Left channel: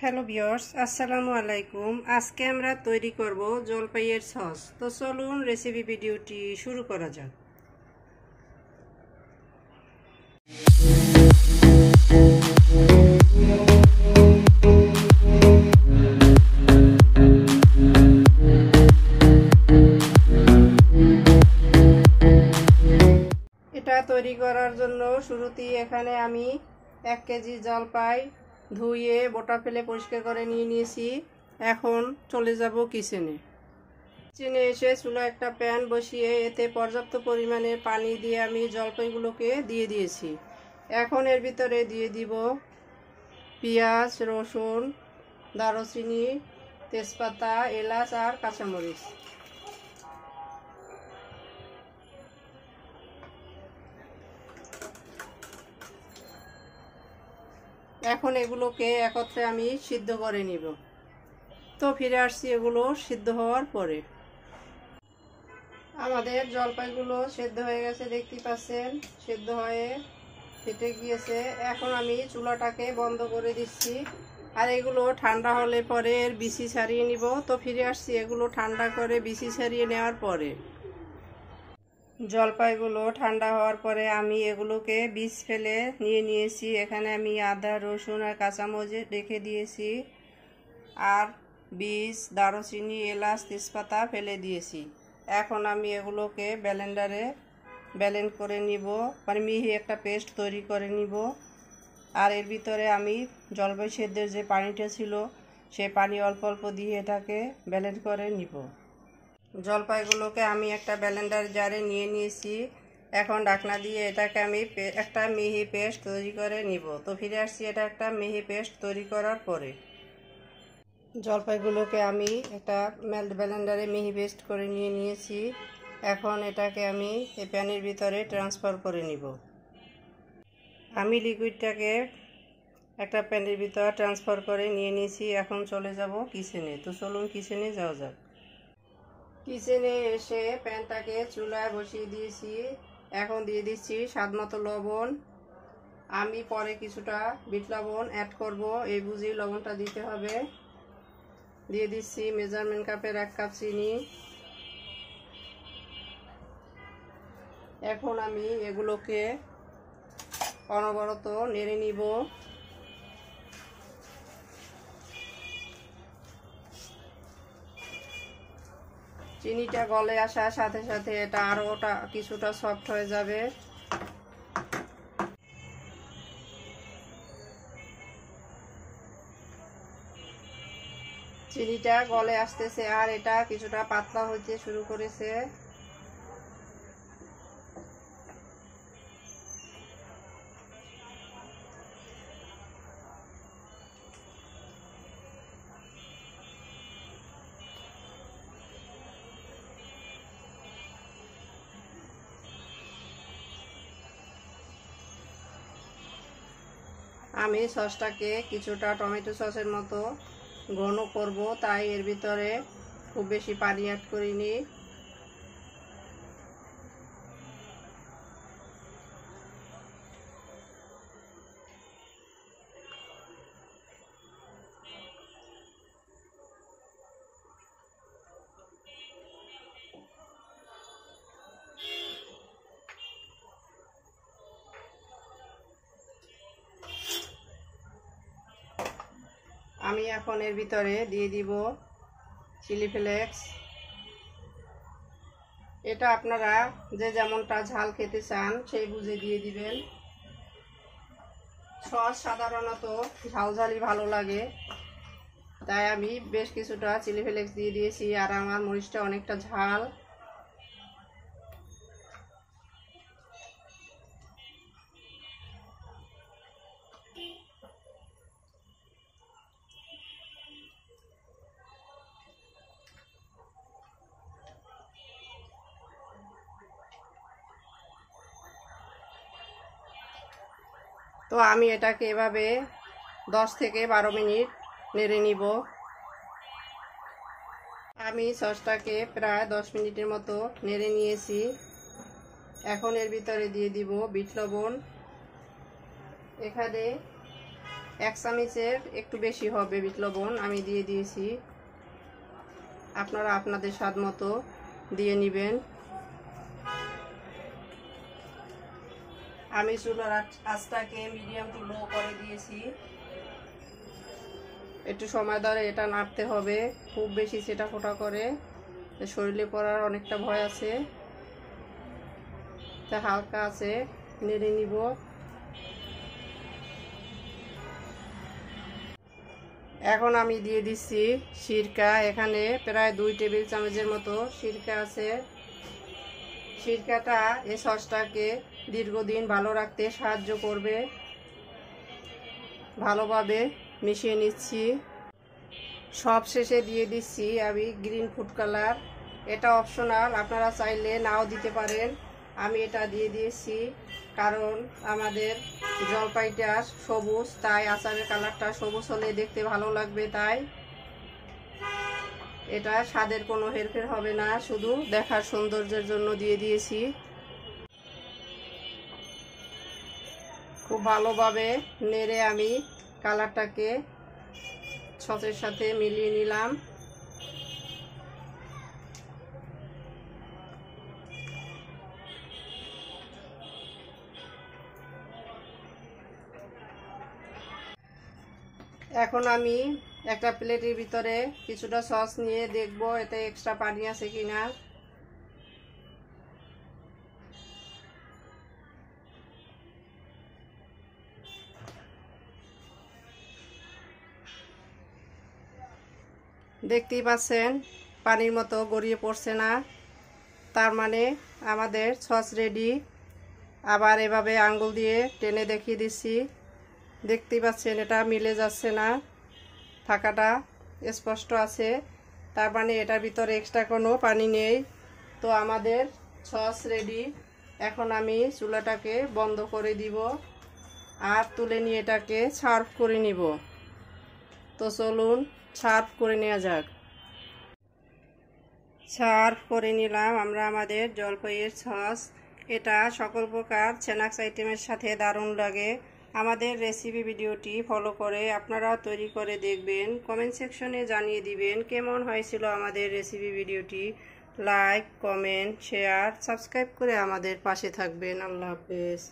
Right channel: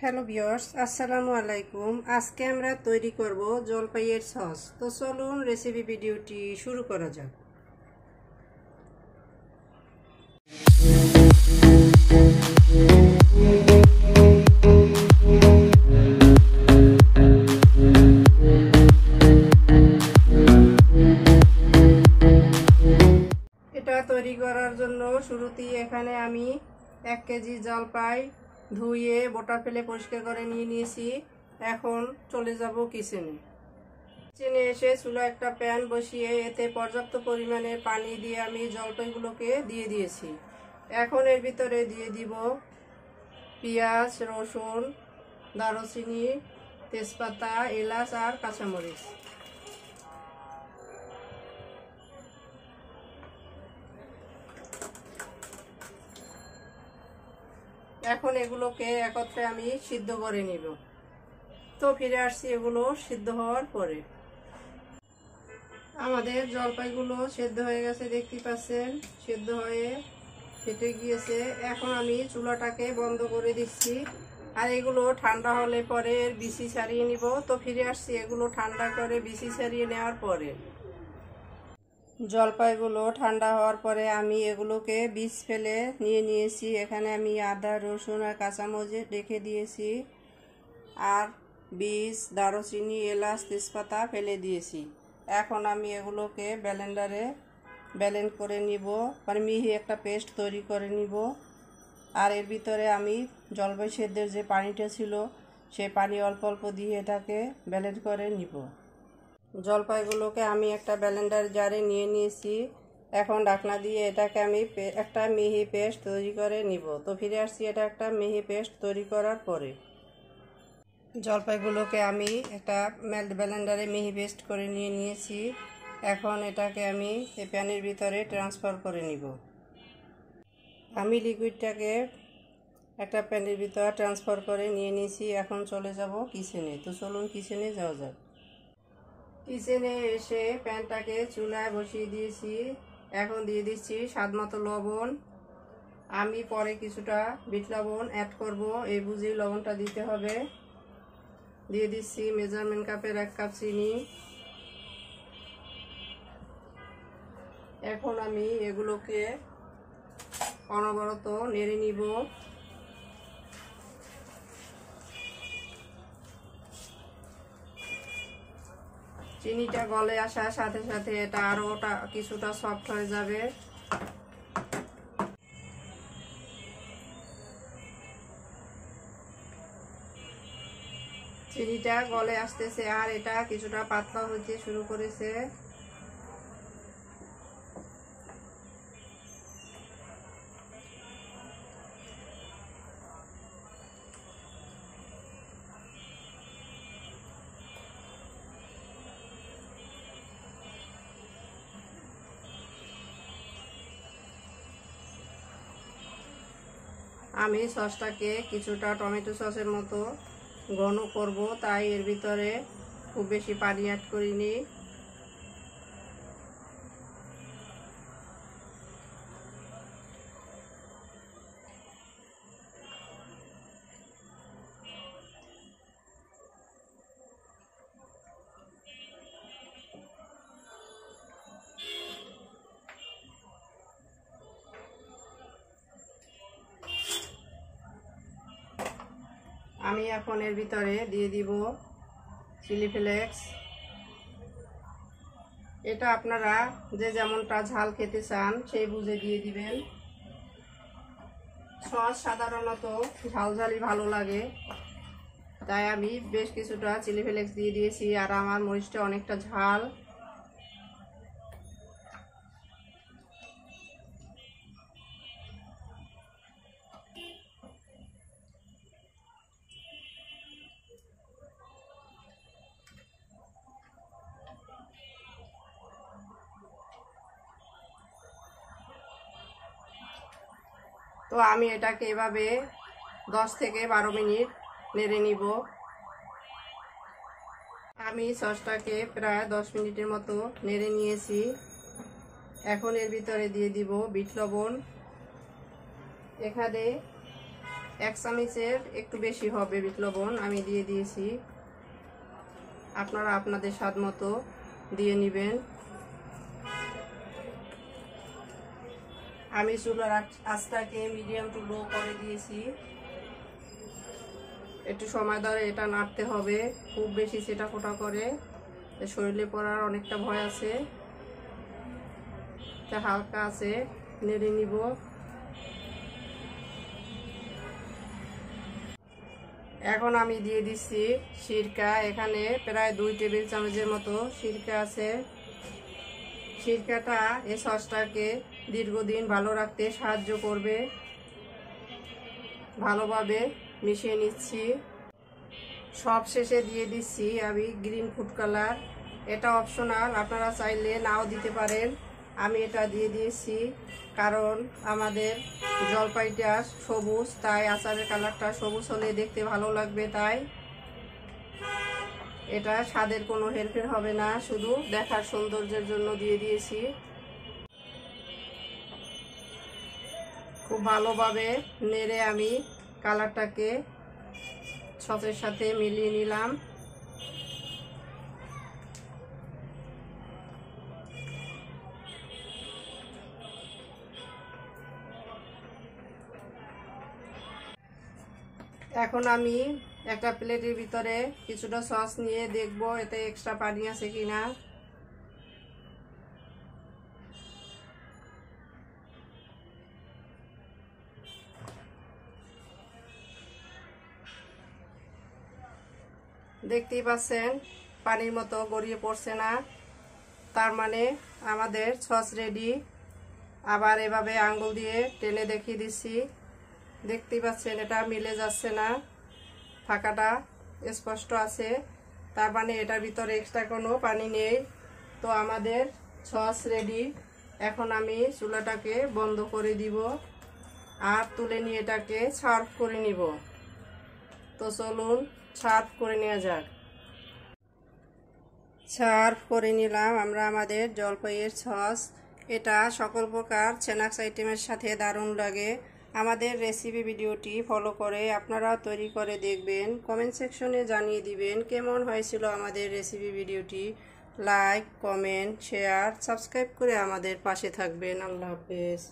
Hello viewers, আসসালামু আলাইকুম। আজকে আমরা তৈরি করব জলপাইয়ের সস। তো চলুন রেসিপি ভিডিওটি শুরু করা যাক। এটা তৈরি করার জন্য শুরুতেই এখানে আমি 1 কেজি জলপাই ধুয়ে বোটা ফেলে পরিষ্কার করে নিয়ে নিয়েছি। এখন চলে যাব কিচেনে। কিচেনে এসে চুলায় একটা প্যান বসিয়ে এতে পর্যাপ্ত পরিমাণে পানি দিয়ে আমি জলপাইগুলোকে দিয়ে দিয়েছি। এখন এর ভিতরে দিয়ে দিব পেঁয়াজ, রসুন, দারুচিনি, তেজপাতা, এলাচ আর কাঁচামরিচ। এখন এগুলোকে একত্রে আমি সিদ্ধ করে নিব। তো ফিরে আসছি এগুলো সিদ্ধ হওয়ার পরে। আমাদের জলপাইগুলো সেদ্ধ হয়ে গেছে, দেখতে পাচ্ছেন সেদ্ধ হয়ে ফেটে গিয়েছে। এখন আমি চুলাটাকে বন্ধ করে দিচ্ছি আর এগুলো ঠান্ডা হলে পরে এর বিচি ছাড়িয়ে নিব। তো ফিরে আসছি এগুলো ঠান্ডা করে বিচি ছাড়িয়ে নেওয়ার পরে। জলপাইগুলো ঠান্ডা হওয়ার পরে আমি এগুলোকে বীজ ফেলে নিয়েছি। এখানে আমি আদা, রসুন আর কাঁচামরিচ রেখে দিয়েছি আর বীজ, দারুচিনি, এলাচ, তেজপাতা ফেলে দিয়েছি। এখন আমি এগুলোকে ব্লেন্ডারে ব্লেন্ড করে নিব, মানে মিহি একটা পেস্ট তৈরি করে নিব। আর এর ভিতরে আমি জলপাই সেদ্ধের যে পানিটা ছিল সেই পানি অল্প অল্প দিয়ে এটাকে ব্লেন্ড করে নিব। জলপাইগুলোকে আমি একটা ব্লেন্ডার জারে নিয়ে নিয়েছি। এখন ঢাকনা দিয়ে এটাকে আমি একটা মিহি পেস্ট তৈরি করে নিব। তো ফিরে আসছি এটা একটা মিহি পেস্ট তৈরি করার পরে। জলপাইগুলোকে আমি একটা ব্লেন্ডারে মিহি পেস্ট করে নিয়েছি। এখন এটাকে আমি এই প্যানের ভিতরে ট্রান্সফার করে নিব। আমি লিকুইডটাকে একটা প্যানের ভিতরে ট্রান্সফার করে নিয়েছি। এখন চলে যাব কিচেনে। তো চলুন কিচেনে যাওয়া যাক। কিচেনে এসে প্যানটাকে চুলায় বসিয়ে দিয়েছি। এখন দিয়ে দিচ্ছি স্বাদমতো লবণ। আমি পরে কিছুটা বিট লবণ অ্যাড করব, এই বুঝি লবণটা দিতে হবে। দিয়ে দিচ্ছি মেজারমেন্ট কাপের 1 কাপ চিনি। এখন আমি এগুলোকে অনবরত নেড়ে নিব। চিনিটা গলে আসার সাথে সাথে এটা আরও কিছুটা সফট হয়ে যাবে। চিনিটা গলে আসতেছে আর এটা কিছুটা পাতলা হইতে শুরু করেছে। আমি সসটাকে কিছুটা টমেটো সসের মতো ঘন করব, তাই এর ভিতরে খুব বেশি পানি অ্যাড করিনি। আমি এখন এর ভিতরে দিয়ে দিব চিলি ফ্লেক্স। এটা আপনারা যে যেমনটা ঝাল খেতে চান সেই বুঝে দিয়ে দিবেন। সস সাধারণত ঝালঝালি ভালো লাগে, তাই আমি বেশ কিছুটা চিলি ফ্লেক্স দিয়ে দিয়েছি। আর আমার মরিচটা অনেকটা ঝাল। তো আমি এটাকে এভাবে 10 থেকে 12 মিনিট নেড়ে নিব। আমি সসটাকে প্রায় 10 মিনিটের মতো নেড়ে নিয়েছি। এখন এর ভিতরে দিয়ে দিব বিট লবণ। এখানে 1 চামচের একটু বেশি হবে বিট লবণ আমি দিয়ে দিয়েছি। আপনারা আপনাদের স্বাদ মতো দিয়ে নেবেন। আমি চুলার আঁচটাকে মিডিয়াম টু লো করে দিয়েছি। একটু সময় ধরে এটা নাড়তে হবে, খুব বেশি সেটা ফোটা করে শরীরে পড়ার অনেকটা ভয় আছে, তা হালকা আছে নেড়ে নিব। এখন আমি দিয়ে দিচ্ছি সিরকা। এখানে প্রায় 2 টেবিল চামচের মতো সিরকা আছে। সিরকাটা এই সসটাকে দীর্ঘদিন ভালো রাখতে সাহায্য করবে। ভালোভাবে মিশিয়ে নিচ্ছি। সব শেষে দিয়ে দিচ্ছি আমি গ্রিন ফুড কালার। এটা অপশনাল, আপনারা চাইলে নাও দিতে পারেন। আমি এটা দিয়ে দিয়েছি কারণ আমাদের জলপাইটা সবুজ, তাই আচারের কালারটা সবুজ হলে দেখতে ভালো লাগবে। তাই এটা স্বাদের কোনো হেরফের হবে না, শুধু দেখার সৌন্দর্যের জন্য দিয়ে দিয়েছি। খুব ভালোভাবে নেড়ে আমি কালারটাকে সসের সাথে মিলিয়ে নিলাম। এখন আমি একটা প্লেটের ভিতরে কিছুটা সস নিয়ে দেখব এতে এক্সট্রা পানি আছে কিনা। দেখতেই পাচ্ছেন পানির মতো গড়িয়ে পড়ছে না, তার মানে আমাদের সস রেডি। আবার এভাবে আঙ্গুল দিয়ে টেনে দেখিয়ে দিচ্ছি, দেখতেই পাচ্ছেন এটা মিলে যাচ্ছে না, থাকাটা স্পষ্ট আছে, তার মানে এটার ভিতরে এক্সট্রা কোনো পানি নেই। তো আমাদের সস রেডি। এখন আমি চুলাটাকে বন্ধ করে দিব আর তুলে নিয়ে এটাকে সার্ভ করে নিব। তো চলুন সার্ভ করে নেওয়া যাক। সার্ভ করে নিলাম আমরা আমাদের জলপাইয়ের সস। এটা সকল প্রকার স্ন্যাক্স আইটেমের সাথে দারুণ লাগে। আমাদের রেসিপি ভিডিওটি ফলো করে আপনারাও তৈরি করে দেখবেন। কমেন্ট সেকশনে জানিয়ে দিবেন কেমন হয়েছিল আমাদের রেসিপি ভিডিওটি। লাইক, কমেন্ট, শেয়ার, সাবস্ক্রাইব করে আমাদের পাশে থাকবেন। আল্লাহ হাফেজ।